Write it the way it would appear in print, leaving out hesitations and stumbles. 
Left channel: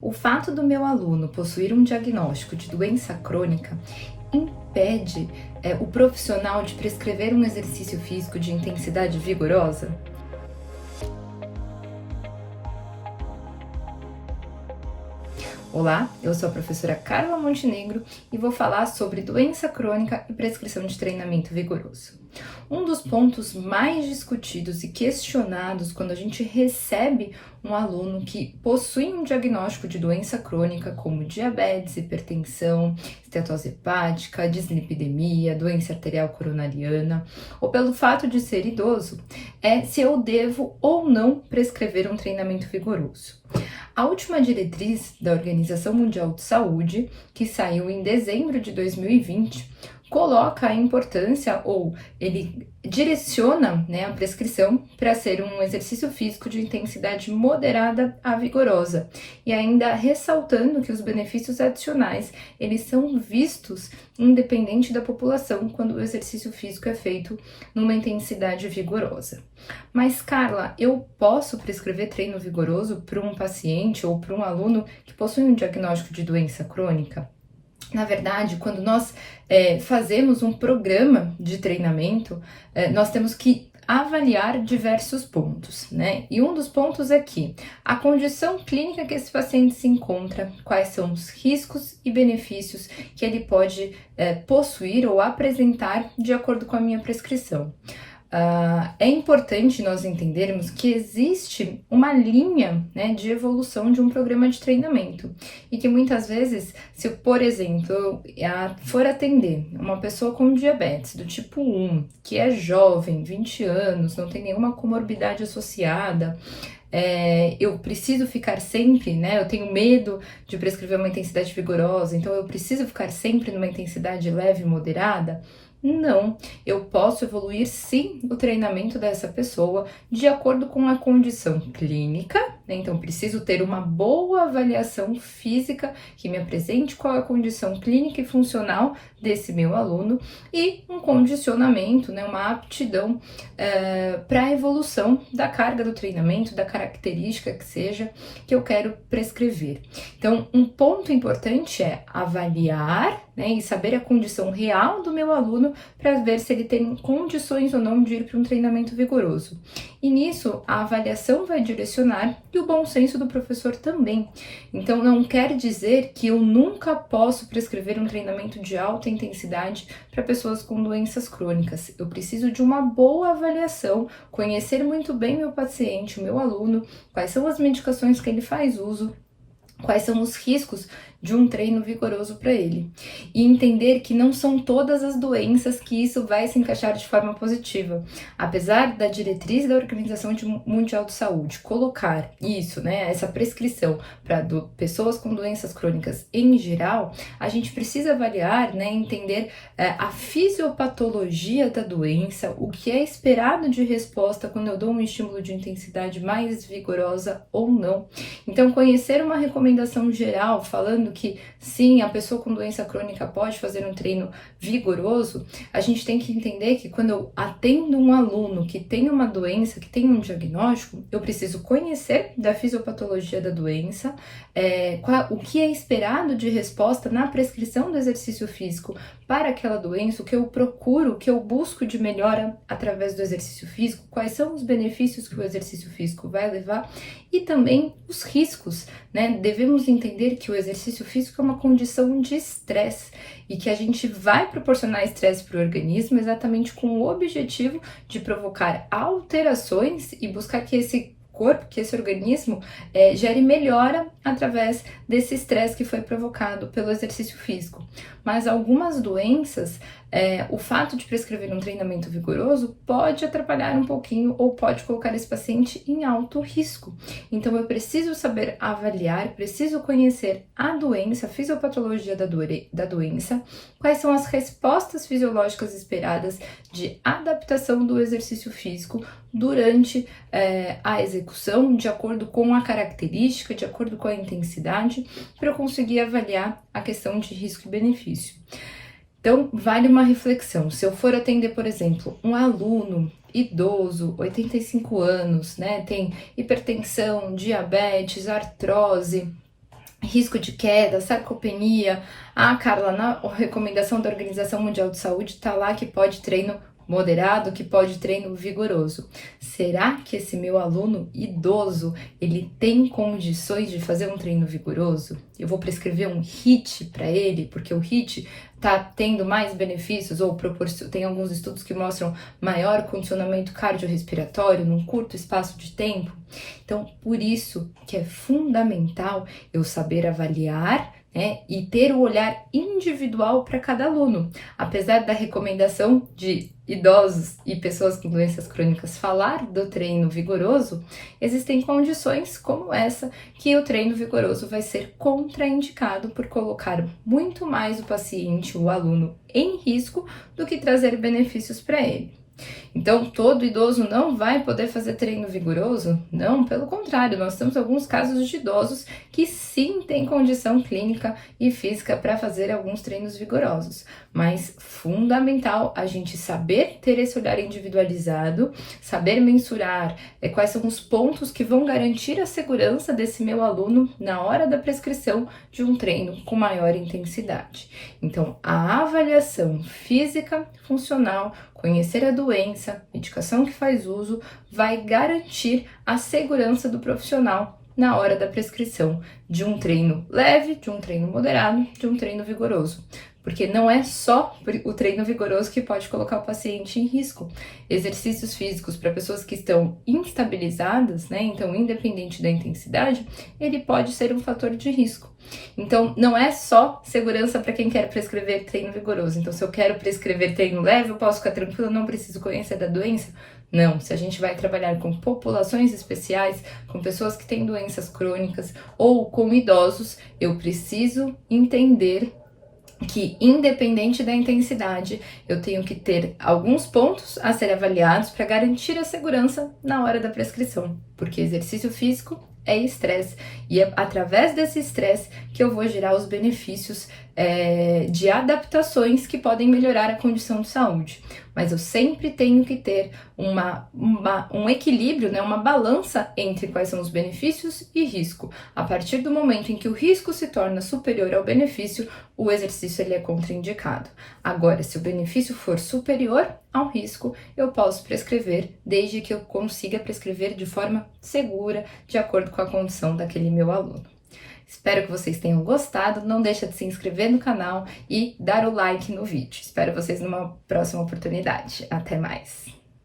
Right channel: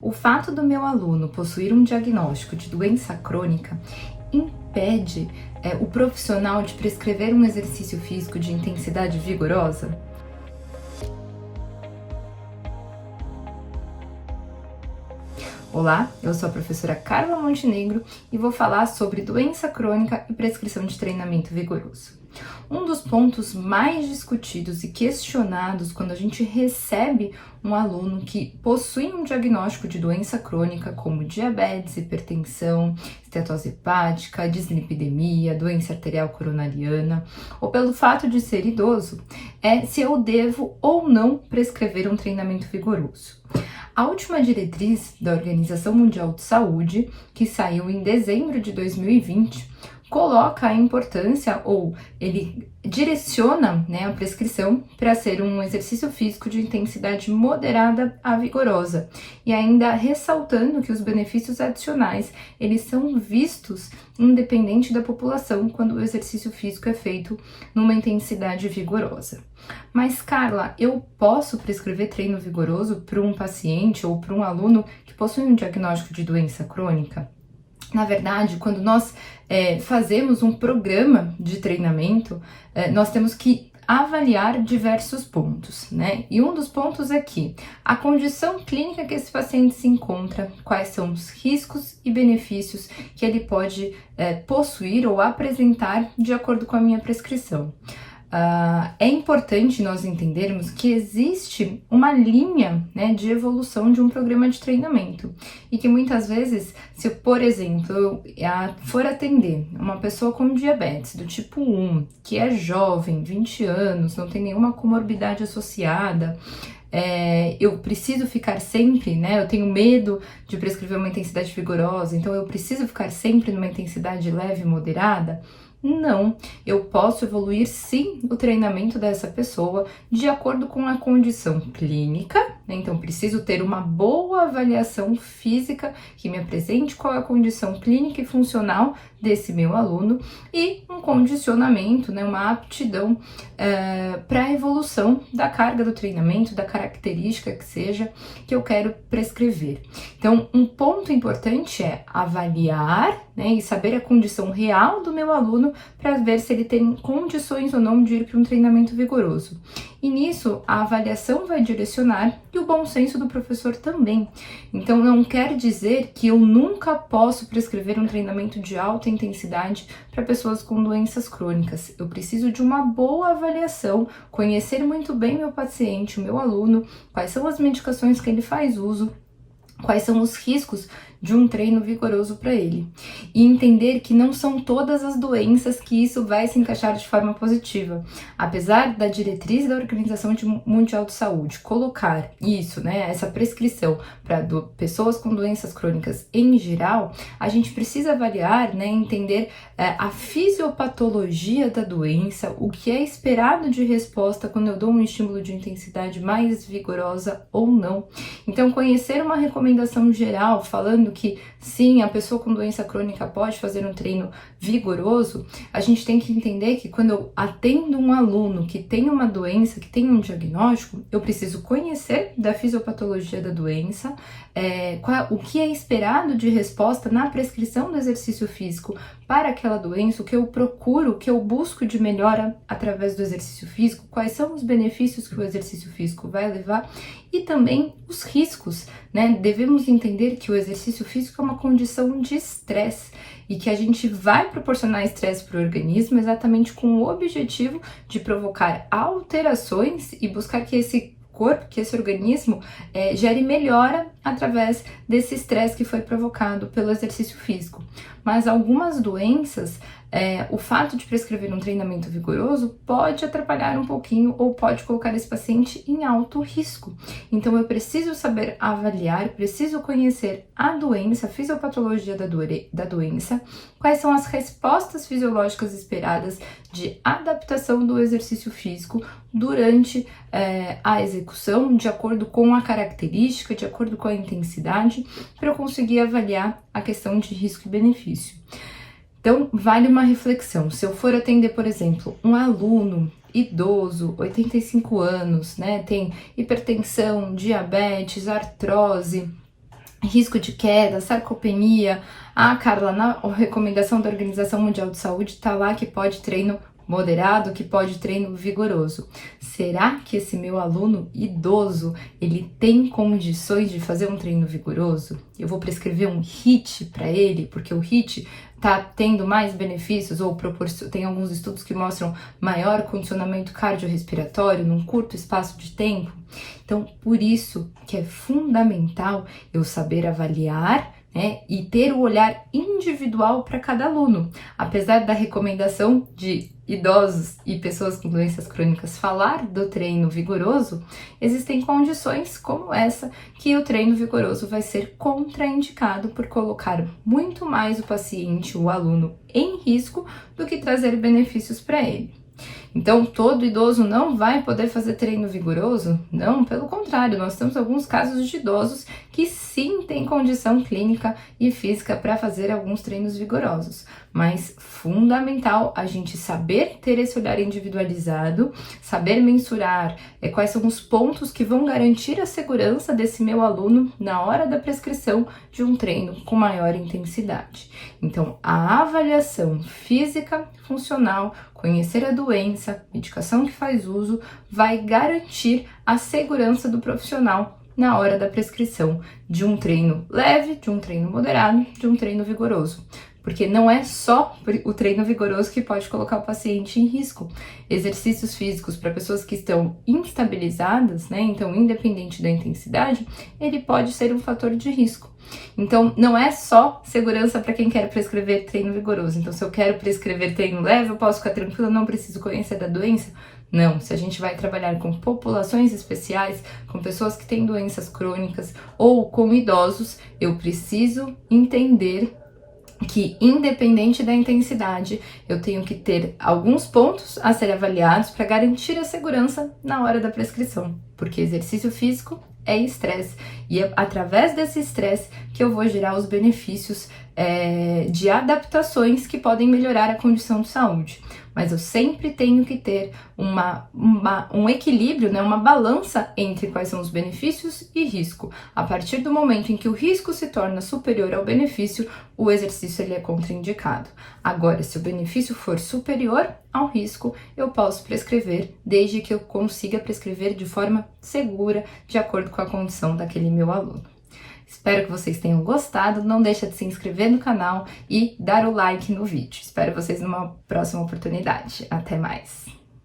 O fato do meu aluno possuir um diagnóstico de doença crônica impede o profissional de prescrever um exercício físico de intensidade vigorosa? Olá, eu sou a professora Carla Montenegro e vou falar sobre doença crônica e prescrição de treinamento vigoroso. Um dos pontos mais discutidos e questionados quando a gente recebe um aluno que possui um diagnóstico de doença crônica, como diabetes, hipertensão, estetose hepática, dislipidemia, doença arterial coronariana, ou pelo fato de ser idoso, é se eu devo ou não prescrever um treinamento vigoroso. A última diretriz da Organização Mundial de Saúde, que saiu em dezembro de 2020, coloca a importância, ou ele direciona, a prescrição para ser um exercício físico de intensidade moderada a vigorosa, e ainda ressaltando que os benefícios adicionais, eles são vistos independente da população quando o exercício físico é feito numa intensidade vigorosa. Mas, Carla, eu posso prescrever treino vigoroso para um paciente ou para um aluno que possui um diagnóstico de doença crônica? Na verdade, quando nós fazemos um programa de treinamento, nós temos que avaliar diversos pontos, né? E um dos pontos é que a condição clínica que esse paciente se encontra, quais são os riscos e benefícios que ele pode possuir ou apresentar de acordo com a minha prescrição. É importante nós entendermos que existe uma linha, de evolução de um programa de treinamento e que muitas vezes, se por exemplo eu for atender uma pessoa com diabetes do tipo 1, que é jovem, 20 anos, não tem nenhuma comorbidade associada, eu preciso ficar sempre, eu tenho medo de prescrever uma intensidade vigorosa, então eu preciso ficar sempre numa intensidade leve e moderada. Não, eu posso evoluir sim o treinamento dessa pessoa de acordo com a condição clínica, então preciso ter uma boa avaliação física que me apresente qual é a condição clínica e funcional desse meu aluno e um condicionamento, uma aptidão para a evolução da carga do treinamento, da característica que seja que eu quero prescrever. Então, um ponto importante é avaliar e saber a condição real do meu aluno para ver se ele tem condições ou não de ir para um treinamento vigoroso. E nisso, a avaliação vai direcionar e o bom senso do professor também. Então, não quer dizer que eu nunca posso prescrever um treinamento de alta intensidade para pessoas com doenças crônicas. Eu preciso de uma boa avaliação, conhecer muito bem meu paciente, o meu aluno, quais são as medicações que ele faz uso, quais são os riscos de um treino vigoroso para ele. E entender que não são todas as doenças que isso vai se encaixar de forma positiva. Apesar da diretriz da Organização Mundial de Saúde colocar isso, essa prescrição para pessoas com doenças crônicas em geral, a gente precisa avaliar, entender a fisiopatologia da doença, o que é esperado de resposta quando eu dou um estímulo de intensidade mais vigorosa ou não. Então, conhecer uma recomendação geral falando que sim, a pessoa com doença crônica pode fazer um treino vigoroso, a gente tem que entender que quando eu atendo um aluno que tem uma doença, que tem um diagnóstico, eu preciso conhecer da fisiopatologia da doença, o que é esperado de resposta na prescrição do exercício físico para aquela doença, o que eu procuro, o que eu busco de melhora através do exercício físico, quais são os benefícios que o exercício físico vai levar e também os riscos, Devemos entender que o exercício físico é uma condição de estresse e que a gente vai proporcionar estresse para o organismo exatamente com o objetivo de provocar alterações e buscar que esse corpo, que esse organismo gere melhora através desse estresse que foi provocado pelo exercício físico. Mas algumas doenças, o fato de prescrever um treinamento vigoroso pode atrapalhar um pouquinho ou pode colocar esse paciente em alto risco. Então eu preciso saber avaliar, preciso conhecer a doença, a fisiopatologia da doença, quais são as respostas fisiológicas esperadas de adaptação do exercício físico durante a execução, de acordo com a característica, de acordo com a intensidade, para eu conseguir avaliar a questão de risco e benefício. Então, vale uma reflexão. Se eu for atender, por exemplo, um aluno idoso, 85 anos, tem hipertensão, diabetes, artrose, risco de queda, sarcopenia. Ah, Carla, na recomendação da Organização Mundial de Saúde tá lá que pode treino moderado, que pode treino vigoroso. Será que esse meu aluno idoso, ele tem condições de fazer um treino vigoroso? Eu vou prescrever um HIIT para ele, porque o HIIT tá tendo mais benefícios ou tem alguns estudos que mostram maior condicionamento cardiorrespiratório num curto espaço de tempo. Então, por isso que é fundamental eu saber avaliar, né, e ter o olhar individual para cada aluno. Apesar da recomendação de idosos e pessoas com doenças crônicas falar do treino vigoroso, existem condições como essa que o treino vigoroso vai ser contraindicado por colocar muito mais o paciente, o aluno, em risco do que trazer benefícios para ele. Então, todo idoso não vai poder fazer treino vigoroso? Não, pelo contrário, nós temos alguns casos de idosos que sim têm condição clínica e física para fazer alguns treinos vigorosos. Mas fundamental a gente saber ter esse olhar individualizado, saber mensurar quais são os pontos que vão garantir a segurança desse meu aluno na hora da prescrição de um treino com maior intensidade. Então, a avaliação física, funcional, conhecer a doença, medicação que faz uso, vai garantir a segurança do profissional na hora da prescrição de um treino leve, de um treino moderado, de um treino vigoroso. Porque não é só o treino vigoroso que pode colocar o paciente em risco. Exercícios físicos para pessoas que estão instabilizadas, né? Então, independente da intensidade, ele pode ser um fator de risco. Então, não é só segurança para quem quer prescrever treino vigoroso. Então, se eu quero prescrever treino leve, eu posso ficar tranquila, não preciso conhecer da doença? Não, se a gente vai trabalhar com populações especiais, com pessoas que têm doenças crônicas ou com idosos, eu preciso entender que, independente da intensidade, eu tenho que ter alguns pontos a ser avaliados para garantir a segurança na hora da prescrição, porque exercício físico é estresse, e é através desse estresse que eu vou gerar os benefícios de adaptações que podem melhorar a condição de saúde. Mas eu sempre tenho que ter um equilíbrio, né, uma balança entre quais são os benefícios e risco. A partir do momento em que o risco se torna superior ao benefício, o exercício ele é contraindicado. Agora, se o benefício for superior ao risco, eu posso prescrever, desde que eu consiga prescrever de forma segura, de acordo com a condição daquele meu aluno. Espero que vocês tenham gostado, não deixa de se inscrever no canal e dar o like no vídeo. Espero vocês numa próxima oportunidade. Até mais!